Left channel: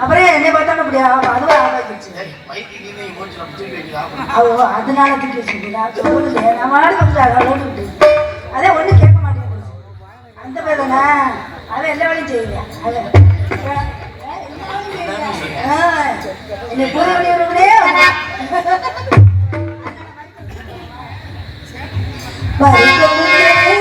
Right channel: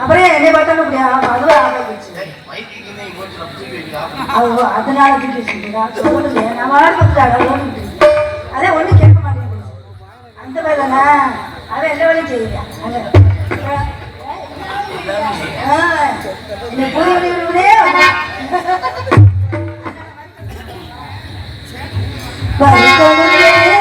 அப்படியே என்னை பார்த்தாலும் முடியாது அதனால சொல்லுங்க நம்ம அதே ஒண்ணு கேட்க மாட்டேங்குது அந்த வேலை அதை எல்லா வேலையும் செய்யுங்க இந்த Baju.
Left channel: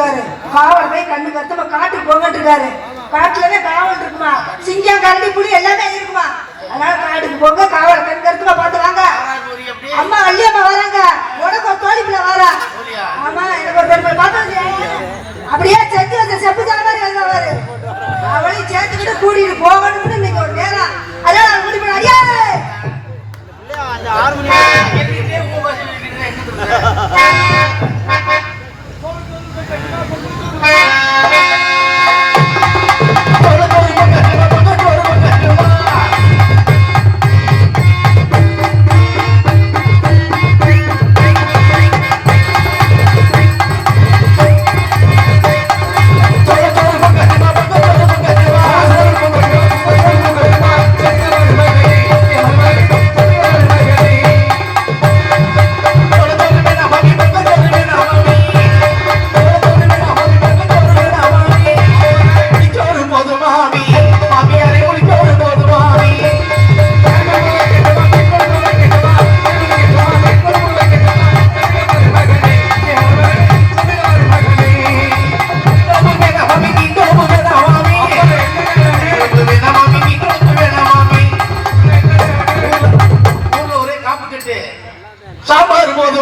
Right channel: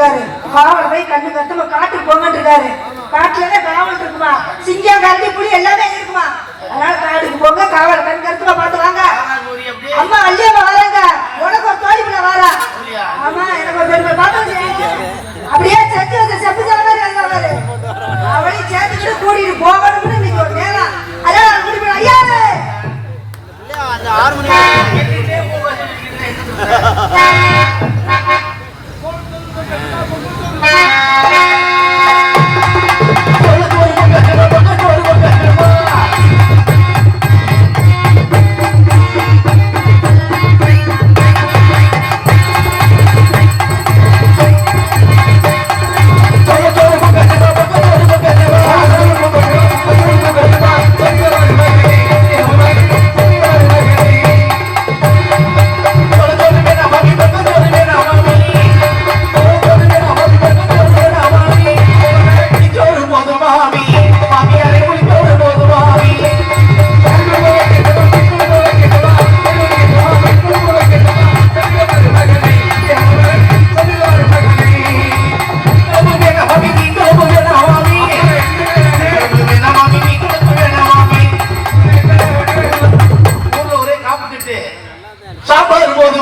இருக்காரு போய் காவல் போய் கண்ணு கத்துமா காட்டுக்கு போங்கன்னு இருக்காரு காட்டுல காவல் இருக்குமா? சிங்கம் கரடி புலி எல்லாமே இருக்குமா? அதனால காட்டுக்கு போங்க காவல் கண் கருத்துமா பார்த்து வாங்க அம்மா அள்ளியம்மா வராங்க. உனக்கு ஒரு தோழி வரா. அம்மா எனக்கு ஒரு பெண் பாப்பா அப்படியே செத்து வச்ச செப்பு ஜல மாதிரி வந்தவாரு அவளையும் சேர்த்துக்கிட்டு கூட்டிட்டு போகணும்னு இன்னைக்கு ஒரு நேரம் அதான் முடிவு ஐயா! ஆறு மணி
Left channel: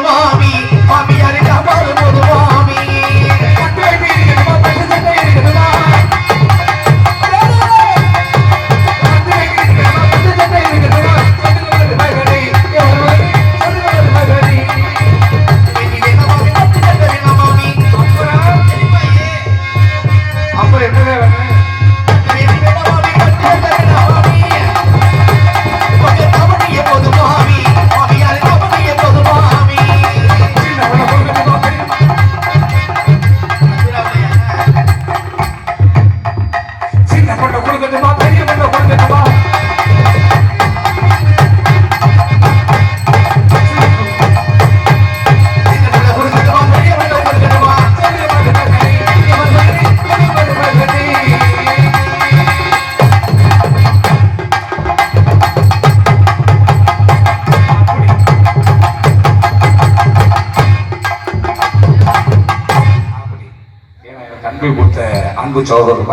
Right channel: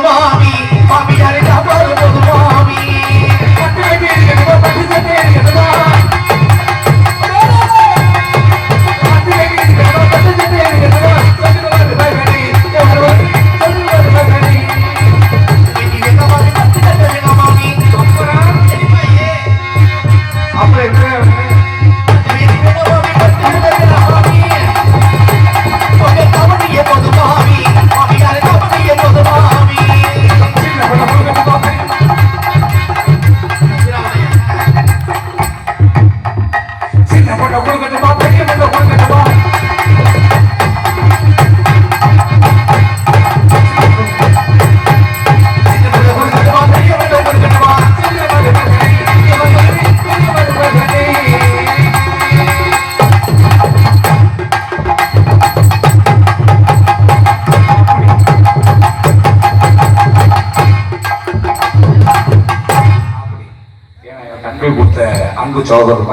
மாமி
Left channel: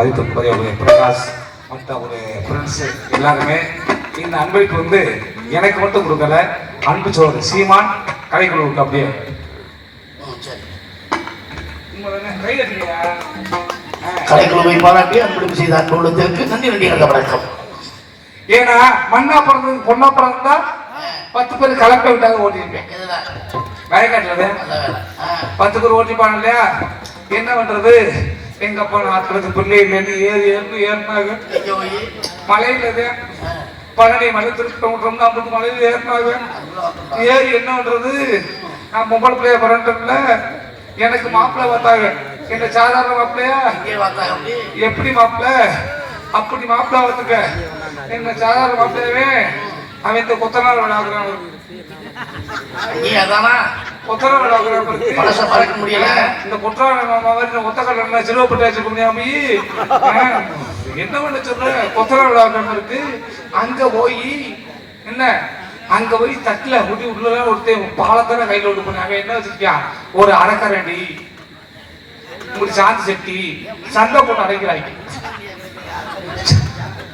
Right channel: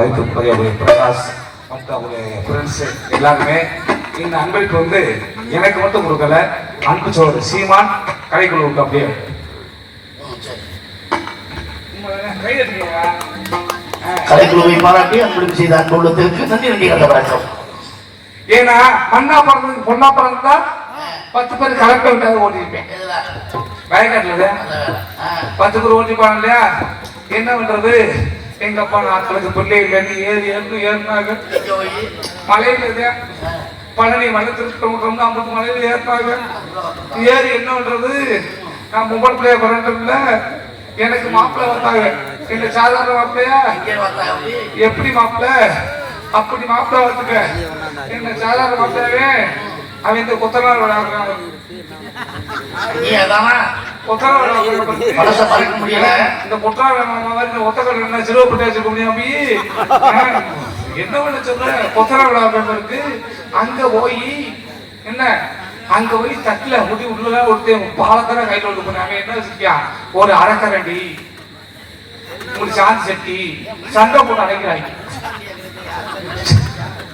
மதிப்பிற்குரிய பிரகாஷ் மற்ற ஒரு ஃப்ரெண்ட்ஸ் எல்லாருமே இந்த அன்பிற்கு வந்து எனக்கு மட்டும் கொடுக்கல அன்பு சகோதரர் சீமான் கடைக்குள்ள விட்டு அப்படியே. கலைக்குழுவை பாராட்டி அன்பளிப்பு செய்த அன்புள்ளத்திற்கு நன்றி நன்றி நல்ல வணக்கம். ஏன்னா மண்ணா பிறந்தது பொண்ணா பிறந்தா பத்து பேர் கலப்பை விட்டாங்க ஓட்டிருப்பேன் வயக்காட்டுல பத்து பேர் ஓட்டிப்பாங்க இல்லையா? என்ன பண்றது? எங்க அப்பா நாட்களுக்கு பிள்ளை இல்லைன்னு ஏறி ஏறி ஏறினாங்க மலையில பழனி மலை திருப்பம் ஐம்பது மலையில ஏறினாங்க ஏறி என்ன பண்றது? நான் பொம்பளை பிள்ளைய பிறந்தோம்ல எனக்கு மாப்பிள்ளை வந்தாங்க. எங்க சாதாரண மாப்பிள்ளையா? எப்படி? மாப்பிள்ள? அப்படி மாப்பிள்ள வந்துக்க என்ன சாதாரண மாப்பிள்ளவே அவன் இந்த கொத்தனார் விளாடுறான் நீ அதானா? என்ன பண்ண சொல்ற? கொத்தனார் இருக்கு. அங்க போய் என்ன? அங்க போய் தட்டுல முடி உள்ள ஒருத்தன் பாலத்தான கையில கொடுக்கணும் என்ன வச்சிருக்கான் ஒரு அரைக்கரண்டி. ஒரு சாந்தி செட்டி சண்டை போட்டு அடைக்கிறாய்.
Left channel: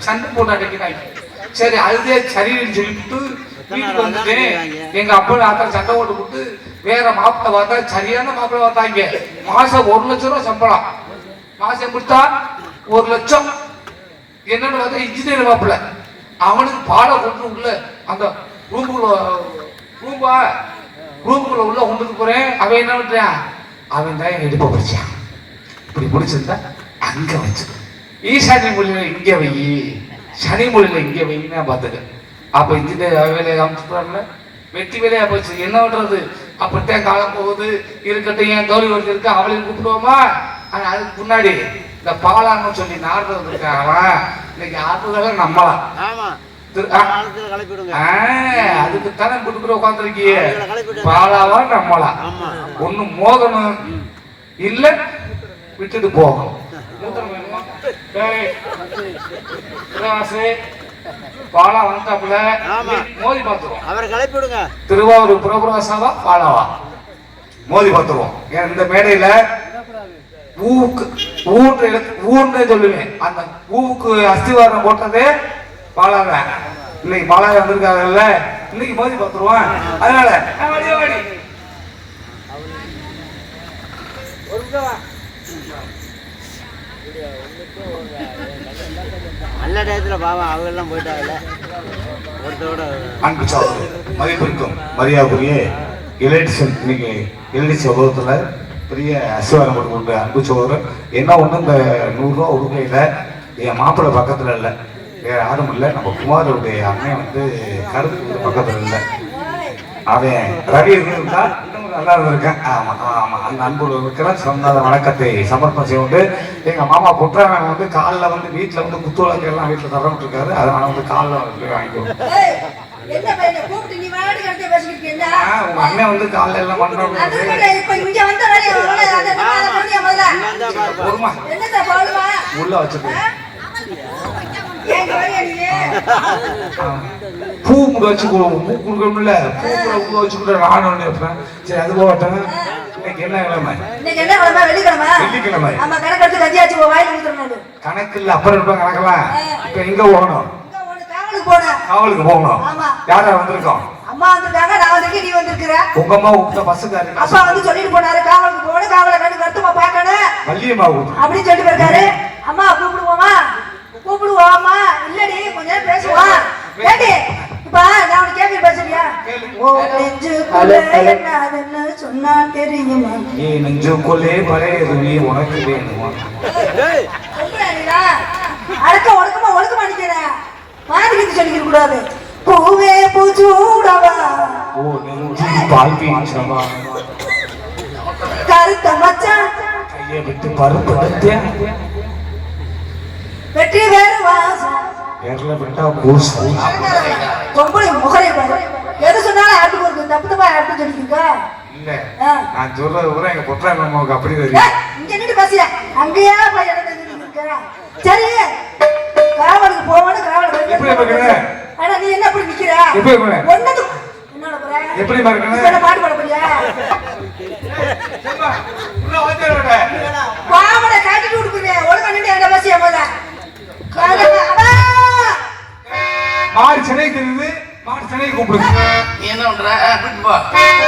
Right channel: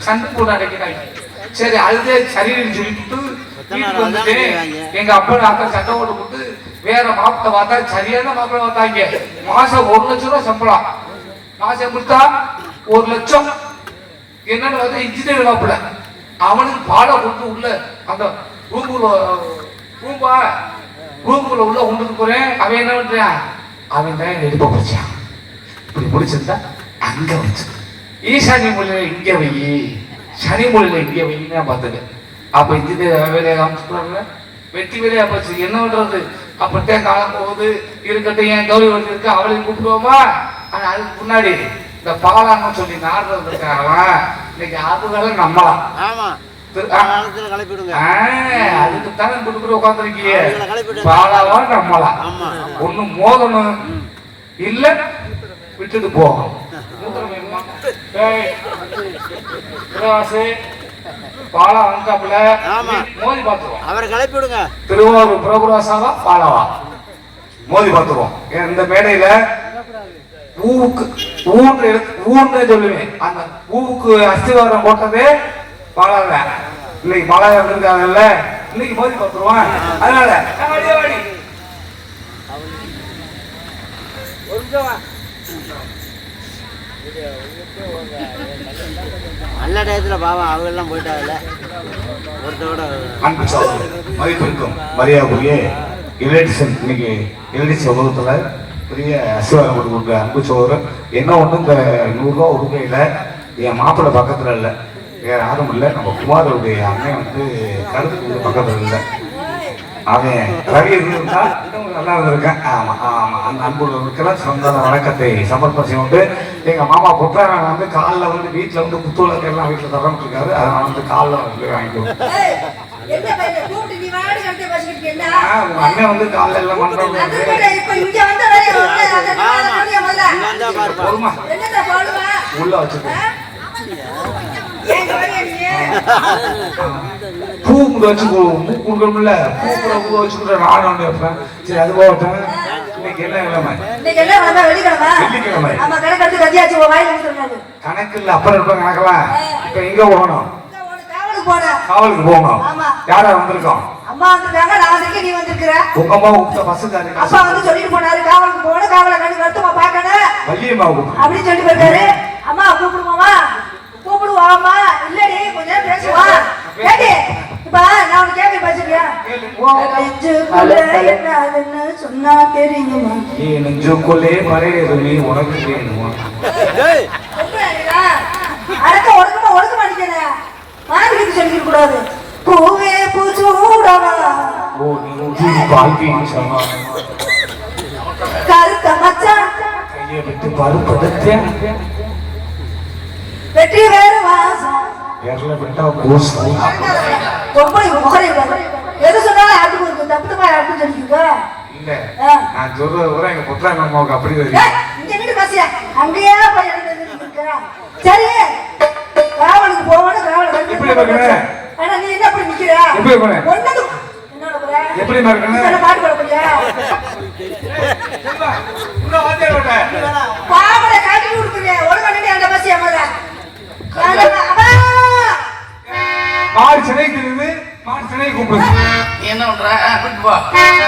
சண்டை போட்டு அடைக்கிறாய். சரி அதுதே சரின்னு சொல்லிட்டு வீட்டுக்கு வந்துட்டு எங்க அப்பா அக்கா சண்டை போட்டு கொடுத்து வேற மாப்பிள்ளை பார்த்தா சரியான மாப்பிள்ளை பார்த்தாங்க. மாசம் ஒரு லட்சம் ரூபாய் சம்பளம். மாசம் கொடுத்தா ஒரு லட்சம். என்னன்னு பார்த்தா இன்ஜினியர் மாப்பிள்ளை. அவனுக்கு பாட கொண்டு உள்ள அந்த ரூமுக்குள்ள ரூம்பா ரூமுக்குள்ள உள்ள கொண்டு போறேன். அவன் என்ன பண்றான்? அவன் தான் எடுப்ப போச்சான் இப்படி முடிச்சிருந்தா அங்க வச்சு. ஈசானி மொழியில இங்க வை. சனி மொழியில இங்க வைன்னா பார்த்துக்க அப்ப இன்ஜினியர் வேலையை அமைச்சுக்கிறாங்கள வெற்றி வேலையா போச்சு. என்ன பண்றது? அப்படித்தான் காலம் போகுது. இருக்கட்டும் என் கௌரி ஒருத்தர் இருக்கு. அவளையும் கூப்பிடுவோமா? ஆனா அதுக்கு முன்னாடி இந்த பாலான்னு சொல்லி நாடுறது இருக்காங்களா இன்னைக்கு அதுக்கெல்லாம் நம்பலாம் ஆமா. அதுக்கு தானே கொடுக்குற உட்காந்துருக்கிய. பாலாலாம் நம்பலாம் ஆமா. ஒண்ணு மோதணும். இல்ல விட்டுட்டு மூத்தம் வேணுமா? பாலா வந்தாப்புல ஆமா. மோதி பார்த்துருவோம். அவரை திருவாரூர் பிரபுராசாவா பாலாவா? மோதி பார்த்துருவோம். ஏன் இந்த மேடையில ஊவுக்கு ஊன்று ஊன்னே சொல்லுவேன். அந்த ஊவுக்கு அஸ்திவாரம் போட்டதே பாலாவ இன்னைக்கு பாலா வந்திருக்காங்கல்ல இன்னைக்கு மோதி பார்த்துருவான் அதனால. நல்ல டயத்தில் பாவம் அவங்க எல்லாம் போயிட்டாங்கல்ல. ஒருத்தரோட மதிப்பிற்கும் மரியாதைக்குரிய இளையடிசன் இன்னைக்கு இளையடிச உலகத்துல பெரிய அசிவாரம் கொடுக்குற அன்பு சோகம் என்ன ஒண்ணு இந்த நூறு ரூபா என் மாப்பிள்ளை பக்கத்துல இல்லை. வேற யாரும் இல்லை. நம்ம குமாரோடைய அண்ணன் வந்து கருத்து பக்கத்துல அவன் ரவி நல்லா ஆமா. அந்த அன்பு இருக்கிற சொந்த வணக்கத்தை சமர்ப்பணம் செய்து எங்க மாமா புற்றாமன் வந்து காலில் வந்து வீட்டுல வந்து குத்துவிளக்கு எல்லாம் வீட்டுல திறந்து இருக்காரு அதை நான் வந்து காலில் வாங்கிட்டு அண்ணன் வந்து காலைல எல்லாம் இங்க வந்த வேலையை முதல்ல. பூ கூட வச்சு கொடுக்கணும்ல பூ கூட வச்சுக்கிட்ட சரி அது போகட்டும். இன்னைக்கு என்ன கிழமை? இன்னைக்கு என்ன கிழமை? வெள்ளிக்கிழமை? வெள்ளிக்கிழமை. ஆமா, கணக்கெடுத்து கட்டியாச்சு, உன் வாயில ஊத்துறேன் கணக்கு இல்ல அப்புறம் இருப்பேன் கணக்கலாம் இப்ப எங்க போகணும்? காவலுக்கு போகணும். யாரா வந்திருக்கோம்? அம்மா வந்திருக்காங்க, நான் வந்திருக்கேன், நீ வந்திருக்கிற. உங்க அம்மா உங்க பசங்க அப்பா வந்து சொல்லிட்டு போனாரு, காவலுக்கு போகணும், காவலை கண்டு வருத்தமா பார்க்கணும். வள்ளியம்மா அப்படின்னு சொல்லிட்டு போயிருக்காரு. அம்மா கூப்பிடுவோமா? கூப்பிடுவோமா இல்லடி கொஞ்ச நேரம் பேசுவோம் ஏடி இப்ப நான் உனக்கு கேள்வி பேசுறியா ஓ நெஞ்சுக்குள்ள என்னதுன்னு சொன்னா தெரியுமா? ஏ நெஞ்சுக்குள்ளே பழையது நீ உனக்கு வேணுமா. அடுத்த ஒழுக்கமா ஒழுக்கமா நிக்கிறேன் மாதிரி சொல்லிக்க கூடாது. பூவே பூச்சூடவா. ஓ நெஞ்சு தாழ்வி சொன்னா கருத்த மச்சான். கையை விட்டு பருத்தேன் வெற்றி வேறு வாசம் விரல விட்டா பூஸ் ரொம்ப முகரை எது சொன்னாலும் யாருக்கு ஒரு தப்பு தப்பா யாருக்கு இல்ல. நான் சொல்றது கூட எங்க புத்தகம் நமக்கு அப்படி வருது இங்க நின்று பேசிய. அங்கேயே போய். சரி. காவலுக்கு போகணும் காவல் எப்படி நீ என்ன இப்படி நிக்கிற? எப்படி இருக்கீங்க? ஒண்ணுக்கு என்னோட போற? எப்படி? என்ன? பாட்டு பாட போறியா? உள்ள வாத்தியார் பாவனை காட்டி கொடுக்குறேன் ஒழுங்கா என்னை சிலை தெரியுது மான் சிலை கூப்பிடுது என்ன பண்ற? கூப்பிட்டு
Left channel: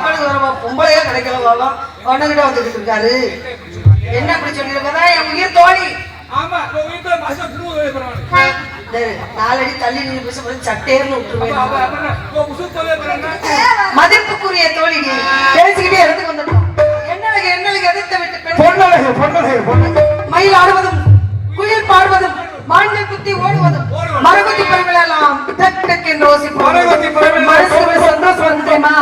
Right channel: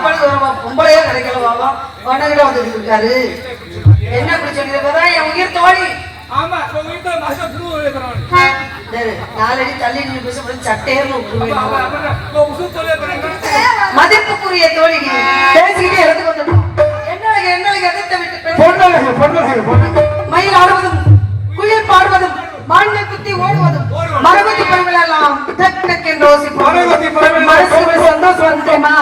எங்க அப்பனுக்கு வர பொம்பளையே கிடைக்கல பாவம் பொண்ணுகிட்ட வந்துட்டு இருக்காரு என்ன அப்படி சொல்லியிருக்கதா என் உயிர் தோழி. ஆமா இப்ப வீட்டுல மாசம் நாலடி தள்ளி நின்று பேசப்படும் சட்டையர்னு மதிப்புக்குரிய தோழி நீ பேசிக்கிட்டே இருந்து கொண்டு என்ன என்ன எதிர்த்த விட்டு பொண்ணு பொண்ணு மயில் ஆடுவதும் குயில் பாடுவதும் மாநில பெண்கள் எல்லாம் மரபத்தி பெண்கள் மனசுக்கு சந்தோஷம் வந்துட்டேமா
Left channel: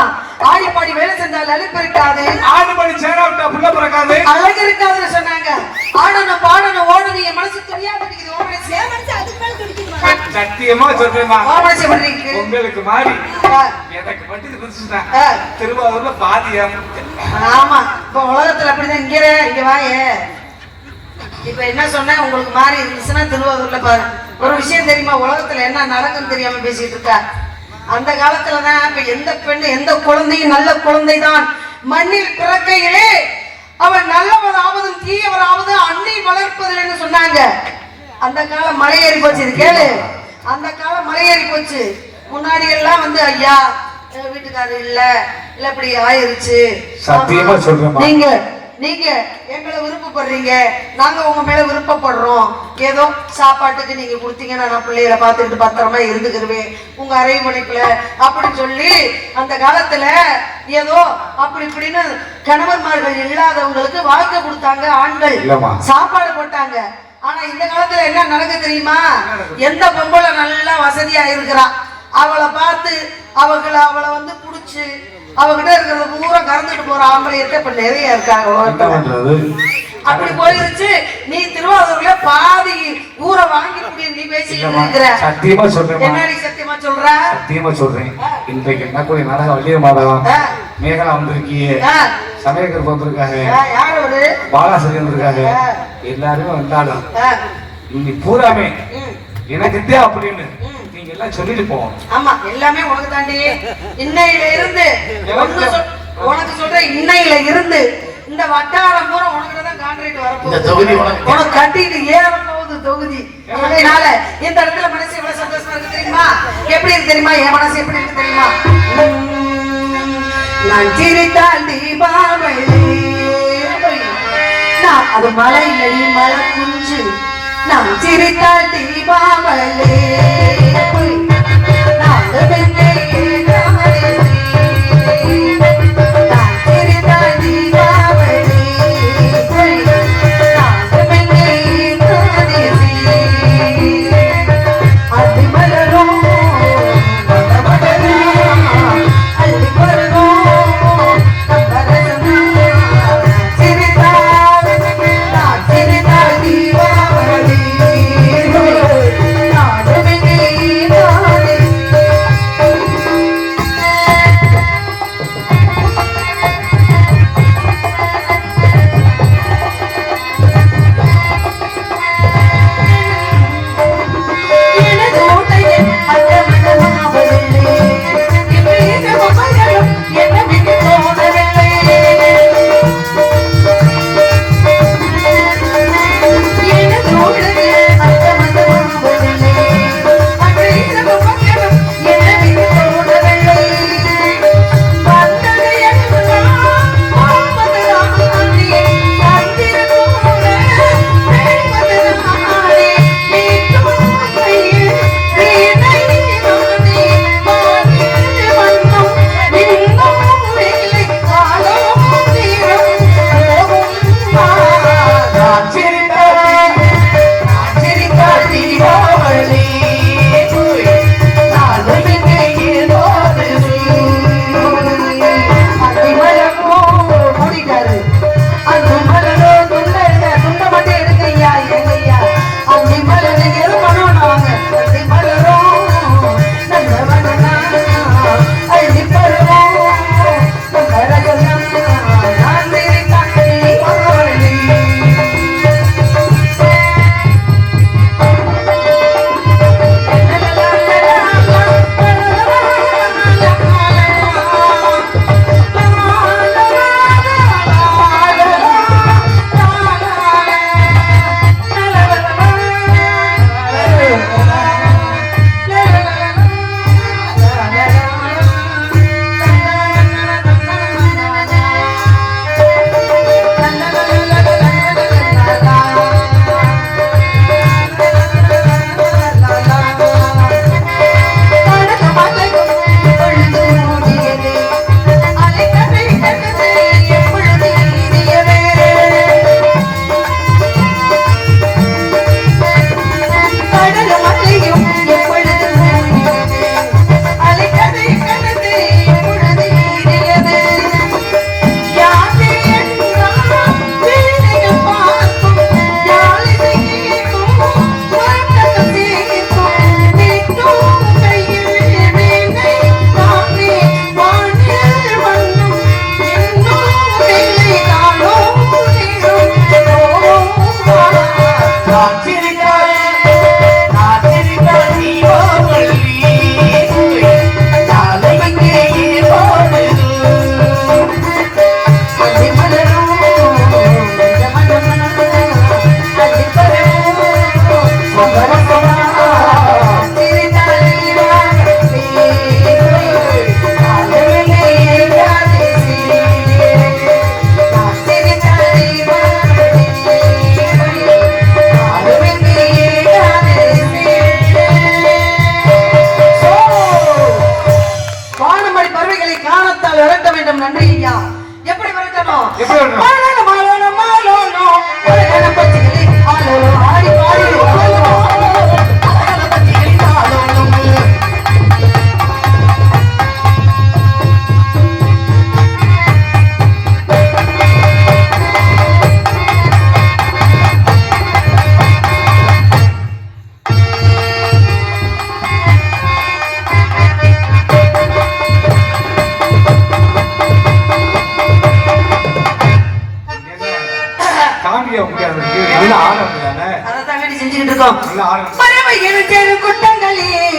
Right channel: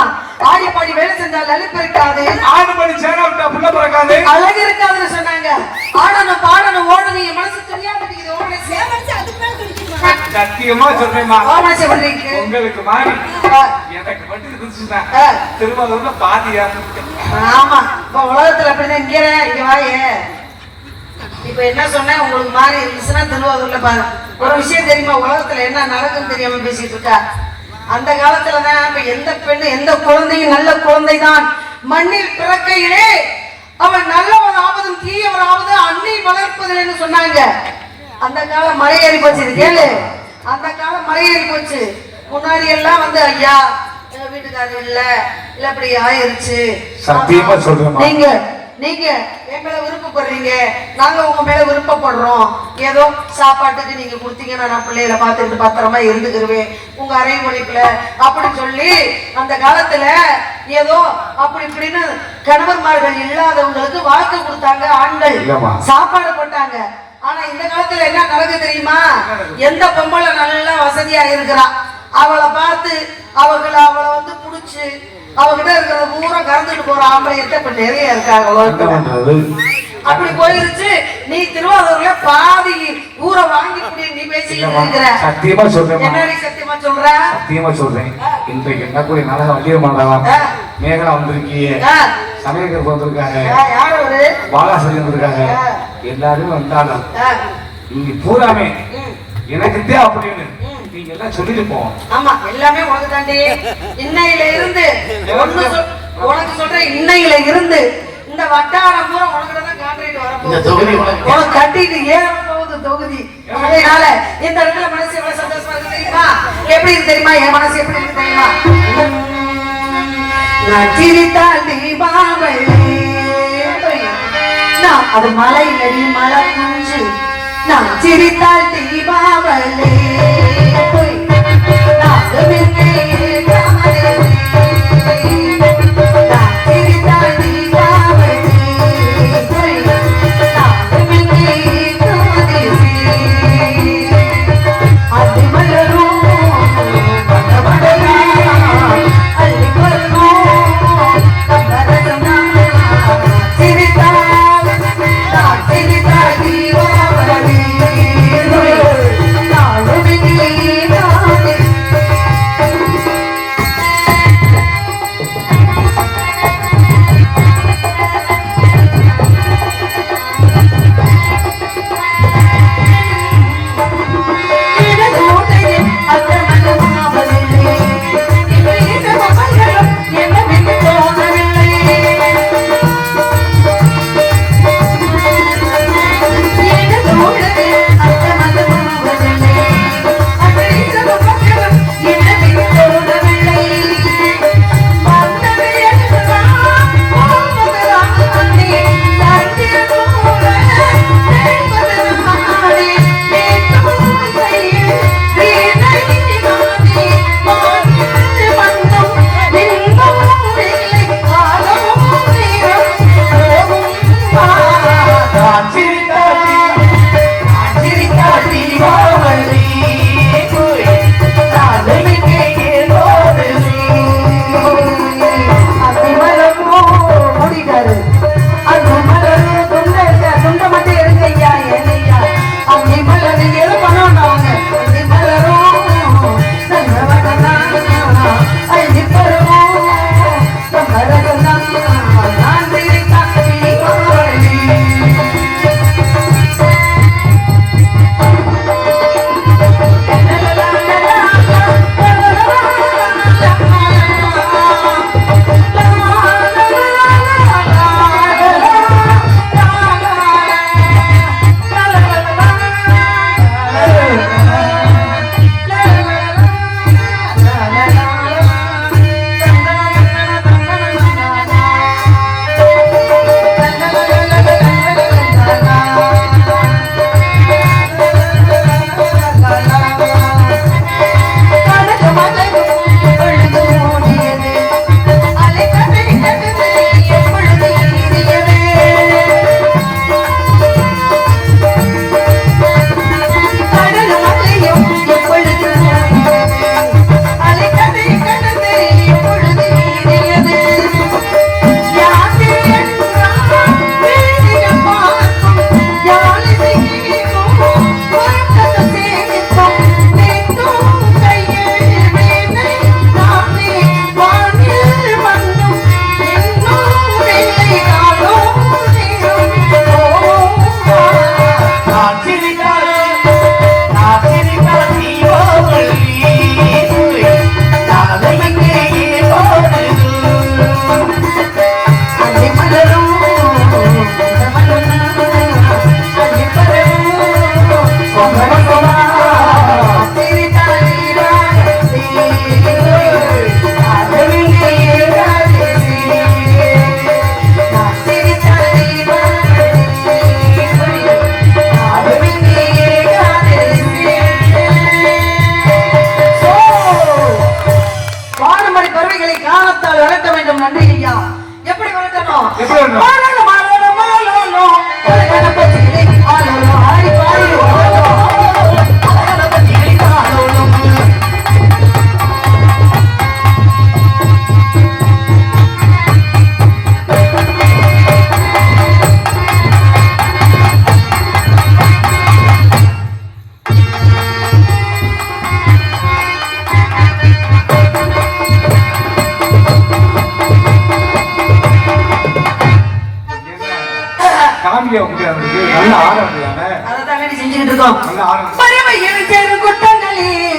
ஆடி பாடி வேலை செஞ்சால் அலுப்பு இருக்காது. ஆறு மணி சேர விட்டா புள்ள பிறக்காது. அழகு இருக்காதுன்னு சொன்னாங்க. ஆடணும் பாடணும் ஓடணும் என் மனசு தெரியாம இருக்குது ஓடணும் சத்தியமா சொல்றேன் ஓடணும் செவருக்கு உங்களுக்கு மாறி. எனக்கு மட்டும் இருந்துச்சுன்னா. திருவாரூர்ல பாதியா? ஆமா. இப்ப உலகத்துல அப்படிதான் இங்க வாயே இப்ப என்ன சொன்னேன் உங்களுக்கு மாறி இருந்துச்சுன்னா திருவாரூர்ல பாரு. ஒரு விஷயம் தெரியுமா? உலகத்துல என்ன நடக்கும் தெரியாம பேசிட்டு இருக்கா? அந்த காலத்துலதான் இப்ப எந்த பெண்ணு எந்த குழந்தையும் நல்ல குழந்தைதான். மண்ணில் பிறக்கையிலே அவன் நல்லவன் ஆவதும் தீயவன் ஆவதும் அண்ணி வளர்ப்பதில்லைன்னு சொன்னாங்க. அந்த காலம் மலையேறி போச்சு இது கேளு. அந்த காலம் மலையேறி போச்சு. முன்னாடி எல்லாம் வந்து ஐயா வீட்டுக்காரர் இல்ல இல்ல இப்படி ஆயிருச்சு. சத்தியமா சொல்றேன் நீங்க நீங்க என் மேல விருப்பப்படுறீங்க. நாங்க உங்க மேல விருப்பப்படுறோம். ஏதோ சாப்பாட்டுக்கு நீங்க கொடுத்தீங்கன்னா நான் பிள்ளைகளை பார்த்துட்டு பத்திரமா இருந்துக்கிருவேன். உங்க அரவணைப்புல அப்படி சொல்லி அந்த காலத்துல ஏதோ அப்படி இப்படின்னு கணவன்மார்கள் இல்லாதவங்களுக்கு வாக்கு கொடுத்தாங்க ஆண்கள். சாப்பாடு போட்டாங்க. ஆனா இந்த காலத்துல என்ன நடக்குது தெரியுமா? எந்த பொம்பளை நல்லா வசதியா இருக்கிறா. அவளை பார்த்து அவங்கள அவளை வந்து புடிச்சு அவகிட்ட பூரா கறந்துட்டு போற ஆம்பளையத்தை இப்ப நிறைய இருக்காங்க என்ன உலகத்துல. அப்படி போயிருச்சு நீ திருவாரூர்ல பாதி ஊரை வாங்கி நீ பேசிக்கிட்டு இருக்கிற. சத்தியமா சொல்றேன் என்னடி சத்தியமா சொல்ற? சத்தியமா சொல்றேன். இன்றைக்கு என்ன கூடிய நாள வண்டிய மாதவா ஆ. மேகலா. சமயக்கர் வந்திருக்காங்க ஒரு பாலாசரி வந்திருக்காங்க எல்லாருமே வந்தாலும் நீங்க பூராமே எனக்கு இதே அப்படின்னு. நீங்க எல்லாம் சொல்லிட்டு போவோம் ஆமா எல்லாமே உனக்கு தாண்டி இன்னையில இருந்து உனக்கு சொல்றேன் இன்னையில இருந்து இந்த வட்டாரம் பூரா உனக்கு தான் கான்ட்ராக்ட் இந்த வரப்போகுது தொகுதி உனக்கு கட்டிட்டு ஏற போகுது தொகுதி. அதனால இந்த இடத்துல மனசு எவ்வளவு சந்தோஷமா இருக்கு தெரியுமா? எப்படி இருக்கு தெரியுமா? என் மனசு எப்படி இருக்கு தெரியுமா? நான் சிரித்தால் தீபாவளி நான் அது மலை நெறி மலை குஞ்சு நான் சிரித்தால் தீபாவளி நான்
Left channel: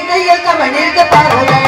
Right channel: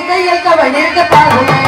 கையில் கவன் இருக்க